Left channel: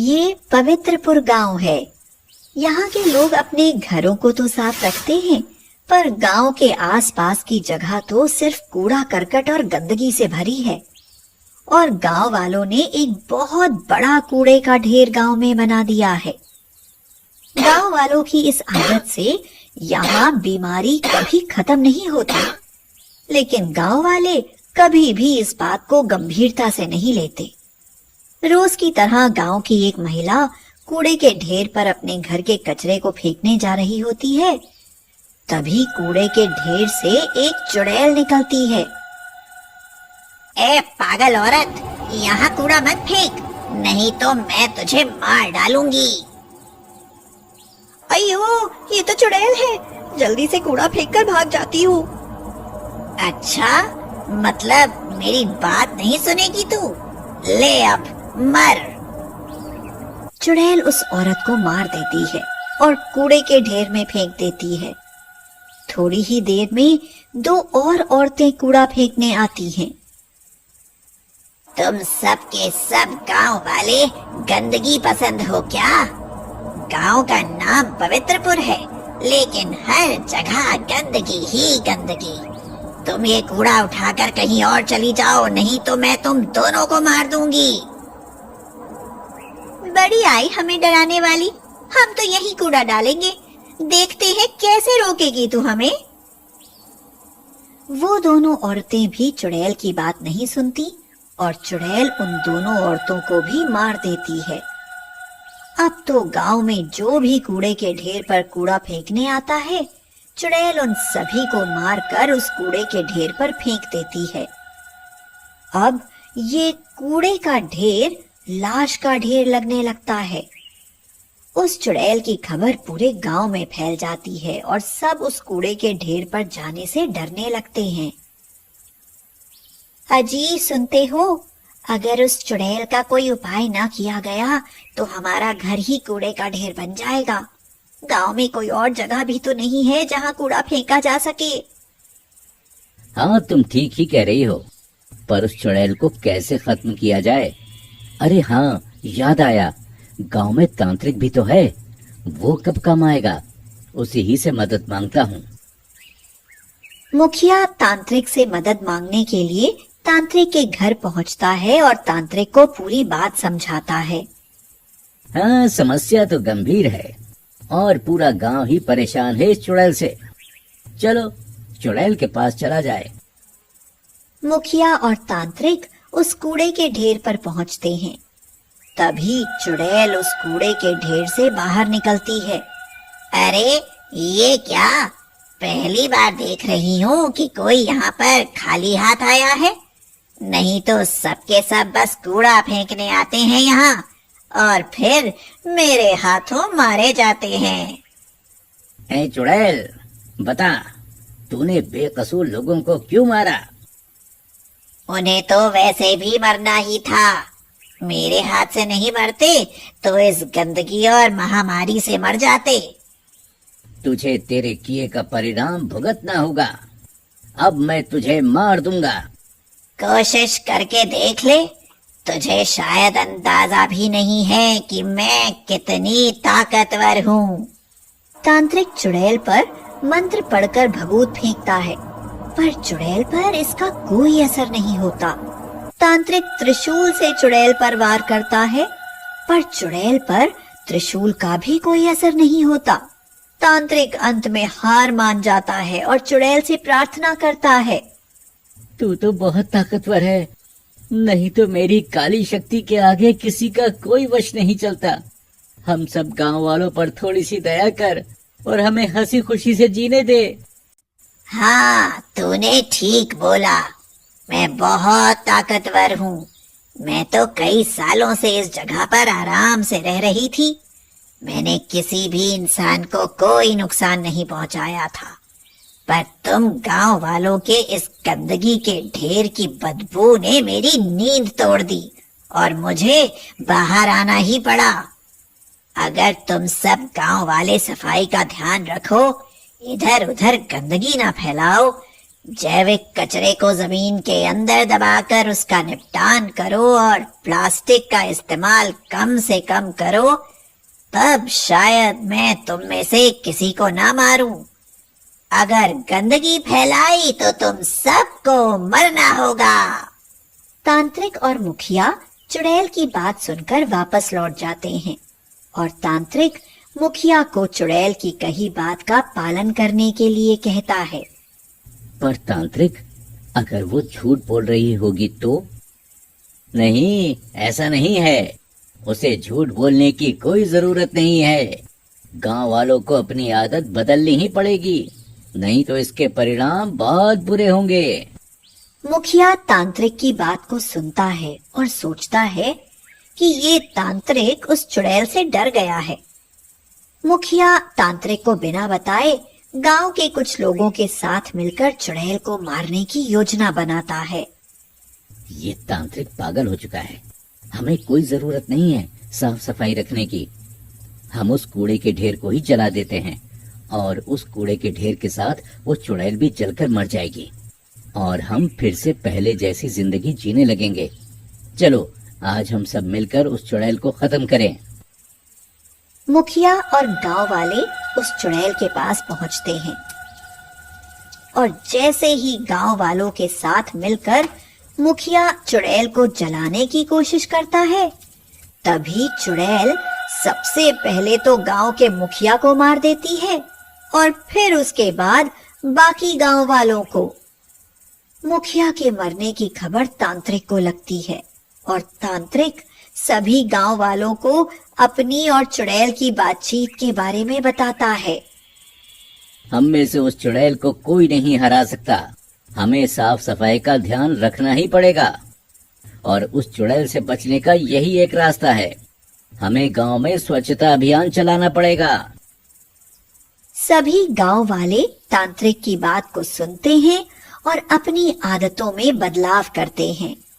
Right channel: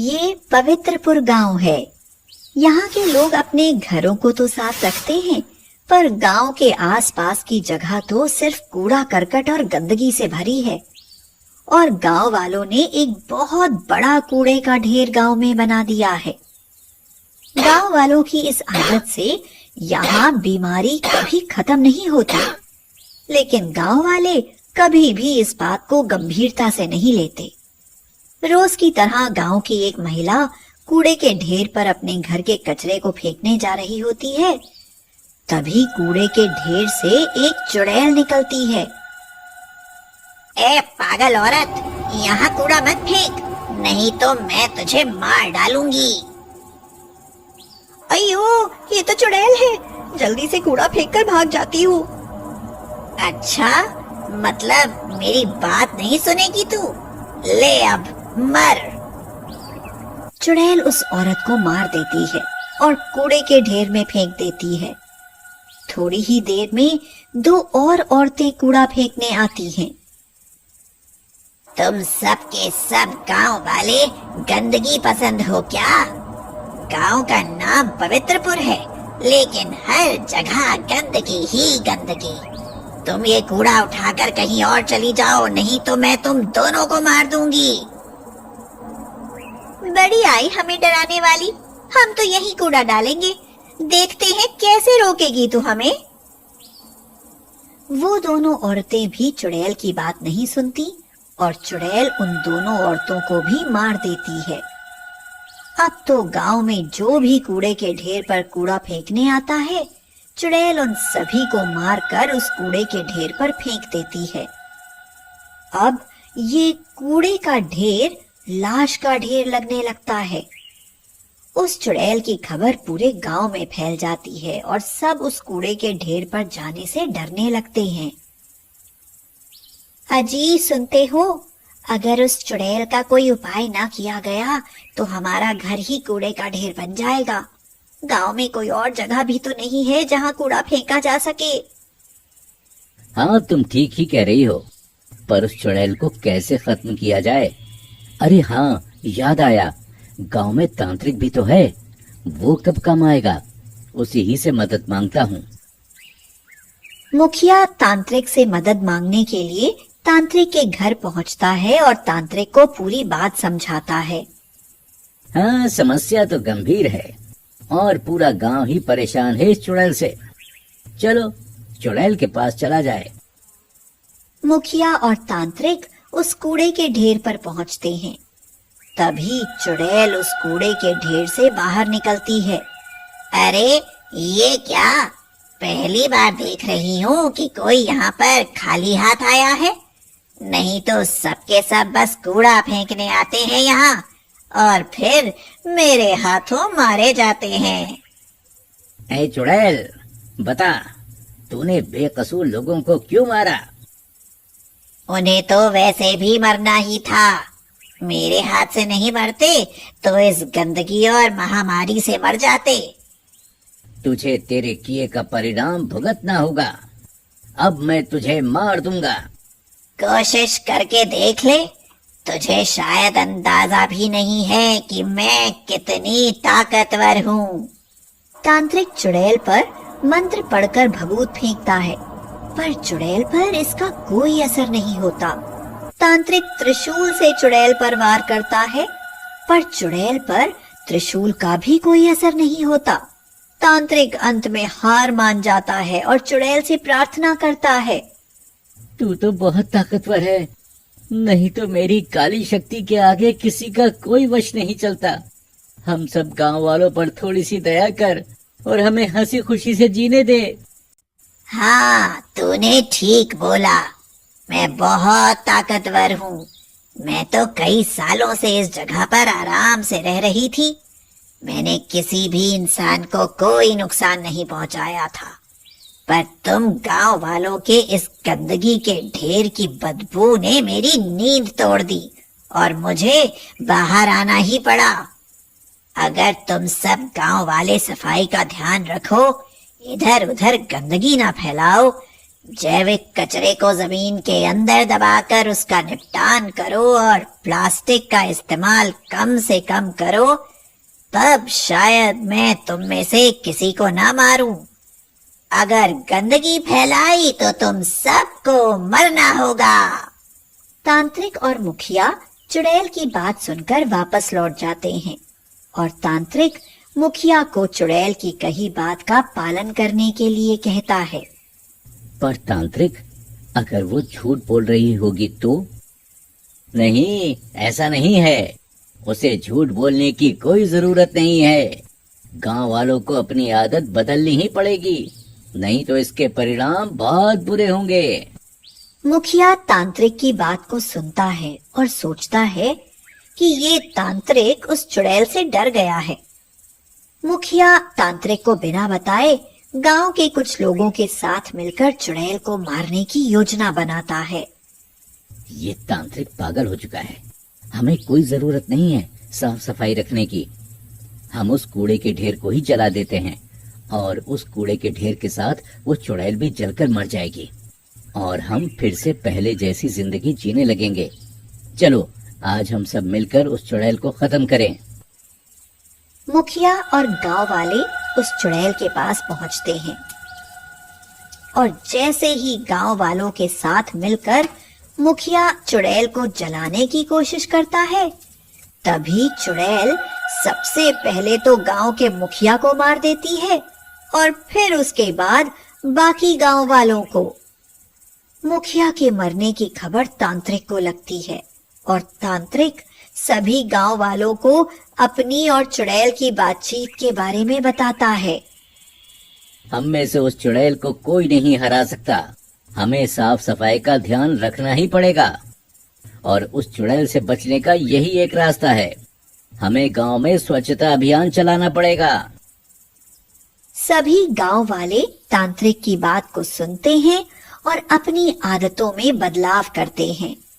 ये पवित्रपुर गांव है। यहाँ के लोग अपने घरों को तो साफ रखते हैं, पर गांव के आसपास की जगह तो सिर्फ कूड़ा करकट और गंदगी से भरी है। और गांव वालों ने एक बहुत बड़ा कूड़े का ढेर गांव में बना दिया है। गांव वालों की इस आदत से यहाँ बीमारी कभी खत्म नहीं होती, लेकिन गांव वाले कभी भी इस बात को गंभीरता से नहीं लेते। रोज की तरह गांव की एक महिला कूड़े के ढेर पर अपने घर के कचरे को फेंकने जा रही होती है। तभी कूड़े के ढेर से एक चुड़ैल निकलती है। ए पागल औरत, यहाँ कूड़ा मत फेंक, नहीं तो मैं तुझे मार डालूंगी। अयो, ये तो चुड़ैल है। जल्दी से कूड़ा फेंककर भाग जाती हूँ। अच्छा, मतलब मेरी बात नहीं सुनेगी तू? ले अब मर। चुड़ैल उस औरत को मार देती है और कूड़े के ढेर में फेंक देती है। थोड़ी ही देर में दो और औरतें कूड़ा फेंकने आती हैं। तुम सब के सब गांव वाले गंदगी पसंद हो क्या? गांव का नाम पवित्रपुर है, लेकिन हर जगह गंदगी ही गंदगी। तुम ये कूड़ा उठाकर कहीं और चली जाओ, नहीं तो मैं तुम दोनों को मार दूंगी। बड़ी आई हमें डराने वाली, हम तो यही कूड़ा डालेंगे, देखते हैं कैसे रोकेगी तू हमें। वो दोनों औरतें भी चुड़ैल की बात नहीं सुनती और चुड़ैल उन दोनों औरतों को भी मार देती है। अब तो गांव में जो भी कूड़े के ढेर पर कूड़ा फेंकने आता है, चुड़ैल उन सभी को मारकर उस कूड़े के ढेर पर फेंक देती है। अब ये कूड़े का ढेर लाश का ढेर लगने लगता है। उस चुड़ैल की खबर पूरे गांव में फैल जाती है और सब उस कूड़े के ढेर पर जाने से डरने लगते हैं। अजी, सुनते हो? अगर उस चुड़ैल का कोई उपाय ना किया गया तो हमारा घर ही कूड़े का ढेर बन जाएगा। गांव में कोई और जगह भी तो नहीं है जहां कूड़ा फेंका जा सके। हाँ, तुम ठीक ही कह रही हो, पर उस चुड़ैल को कैसे खत्म किया जाए? अरे हाँ, याद आया, गांव में तांत्रिक भी तो है। वो कब काम आएगा? उसी ही से मदद मांगता हूँ। मुखिया तांत्रिक से मदद मांगने के लिए तांत्रिक के घर पहुंचता है और तांत्रिक को पूरी बात समझाता है। हाँ, समस्या तो गंभीर है और पूरा गांव ही परेशान है इस चुड़ैल से। चलो चुड़ैल के पास चला जाए। मुखिया और तांत्रिक उस कूड़े के ढेर पर पहुंचते हैं। तभी चुड़ैल उस कूड़े के ढेर से बाहर निकलती है। अरे ये क्या? पहली बार देख रही हूँ कि कोई यहाँ पर खाली हाथ आया है। नहीं तो सबके सब बस कूड़ा फेंकने आते हैं यहाँ और फिर मेरे हाथों मारे जाते हैं। ऐ चुड़ैल, बता, तूने बेकसूर लोगों को क्यों मारा? उन्हें तो वैसे भी मरना ही था। मेरे हाथ से नहीं मरते तो इस गंदगी और महामारी से मर जाते। तुझे तेरे किए का परिणाम भुगतना होगा। अब मैं तुझे मार दूंगा। कोशिश करके देख ले, तुझे शायद अंदाजा भी नहीं है कि मैं कितनी ताकतवर हूँ। तांत्रिक चुड़ैल पर मंत्र पढ़कर भभूत फेंकता है, पर चुड़ैल पर इसका कोई असर नहीं होता। तांत्रिक त्रिशूल से चुड़ैल पर वार करता है, पर चुड़ैल पर त्रिशूल का भी कोई असर नहीं होता। तांत्रिक अंत में हार मान जाता है और चुड़ैल से प्रार्थना करता है। तू तो बहुत ताकतवर है, नहीं तो मेरी काली शक्ति के आगे किसी का कोई वश नहीं चलता। हम सब गांव वालों पर थोड़ी सी दया कर और हमें हंसी खुशी से जीने दे। हाँ, तूने ठीक बोला। मैं बहुत ताकतवर हूँ। मैं तो कई सालों से इस जगह पर आराम से रह रही थी। मैंने किसी भी इंसान को कोई नुकसान नहीं पहुंचाया था, पर तुम गांव वालों के इस गंदगी के ढेर की बदबू ने मेरी नींद तोड़ दी और मुझे बाहर आना ही पड़ा। अगर तुम सब गांव वाले सफाई का ध्यान रखो, इधर उधर गंदगी ना फैलाओ, जैविक कचरे को जमीन के अंदर दबाकर उसका निपटान करो और प्लास्टिक का इस्तेमाल कम से कम करो, तब शायद मैं तुम में से किसी को ना मारूं। अगर गंदगी फैलाई तो तुम सबको मरना होगा। तांत्रिक और मुखिया चुड़ैल की बात सुनकर वापस लौट जाते हैं और तांत्रिक मुखिया को चुड़ैल की कही बात का पालन करने के लिए कहता है। पर तांत्रिक, अगर वो झूठ बोल रही होगी तो? नहीं, ऐसा नहीं है। उसे झूठ बोलने की कोई जरूरत नहीं है। गांव वालों को अपनी आदत बदलनी ही पड़ेगी, नहीं तो इसके परिणाम बहुत बुरे होंगे। मुखिया तांत्रिक की बात को सुनता है और सोचता है कि ये तांत्रिक उस चुड़ैल से डर गया है। मुखिया तांत्रिक को बिना बताए गांव के कुछ लोगों के साथ मिलकर चुड़ैल को मारने की योजना बनाता है। ये तांत्रिक पागल हो चुका है। हमें कोई जरूरत नहीं है साफ सफाई रखने की। हम उस कूड़े के ढेर को ही जला देते हैं और उस कूड़े के ढेर के साथ वो चुड़ैल भी जलकर मर जाएगी और हम फिर से पहले जैसी जिंदगी जीने लगेंगे। चलो आज हम सब मिलकर उस चुड़ैल को खत्म करें। मुखिया और गांव वाले उस चुड़ैल के पास पहुंचते हैं और जैसे ही गांव वालों के साथ मिलकर मुखिया चुड़ैल को जलाने की कोशिश करता है, तभी चुड़ैल सबसे पहले तो गांव के मुखिया को मार देती है और फिर उसके बाद बाकी गांव वालों को। मुखिया के मरने की खबर तांत्रिक को लगती है और तांत्रिक सभी गांव वालों को अपनी और चुड़ैल की बातचीत के बारे में बताता है। हम में से उस चुड़ैल को कोई नहीं हरा सकता। हमें साफ सफाई का ध्यान रखना ही पड़ेगा और उस चुड़ैल से बचने का यही एक रास्ता है। हमें गांव में स्वच्छता अभियान चलाना पड़ेगा। सभी गांव वाले तांत्रिक की बात को सुनते हैं और अपनी आदतों में बदलाव करते हैं।